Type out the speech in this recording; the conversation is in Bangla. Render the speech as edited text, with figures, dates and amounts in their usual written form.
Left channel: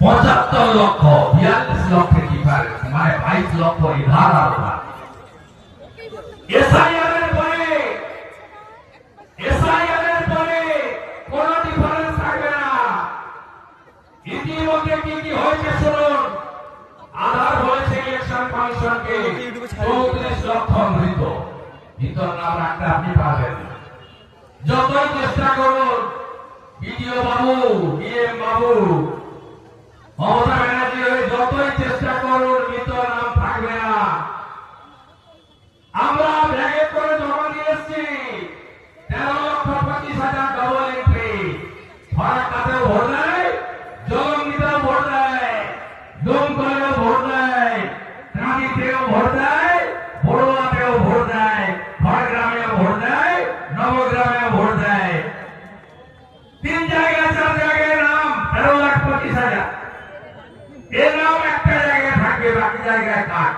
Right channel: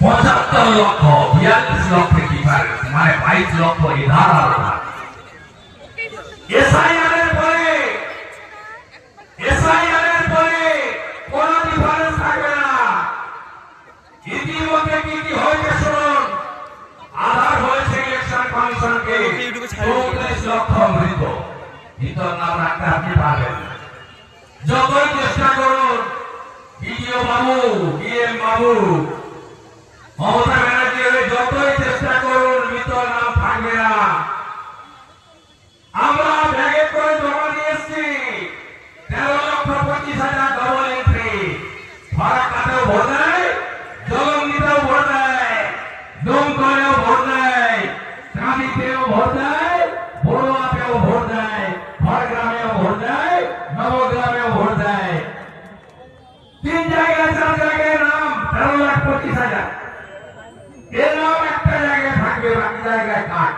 75 লক্ষ 42 লক্ষের ডিফারেন্স, মানে 22 লক্ষ এধার আলাদা। এসআইআর এর পরে কোন ডিফারেন্স থাকবে না। ইতিমধ্যে কি হয়েছে শুনুন। আধার হয়েছে ইলেকশন কমিশনকে 34 লক্ষ মৃত। ভিতর নাম রাখতে আপনি পারবেন না। যতই চেষ্টা করুন, বিডিও বাবু, ডিএম বাবু, মমতা ব্যানার্জি যতই চেষ্টা করুন, ভিতর নাম থাকবে না। আমরা ব্যাগে করে জমা দিয়েছি 13,25,000 ডবল এন্ট্রি। ফারাক্কাতেও ভোট দেয়, জলঙ্গিতেও ভোট দেয়, ডোমকলেও ভোট দেয়, কাঁদিতেও ভোট দেয়, বড়ুয়াতেও ভোট দেয়, খড়গ্রামেও ভোট দেয়, নবগ্রামেও ভোট দেয়। 3 জায়গায় 4 জায়গায় নাম 13,25,000। এর নাম একটা জায়গায় থাকবে, বাকি জায়গায় কাট।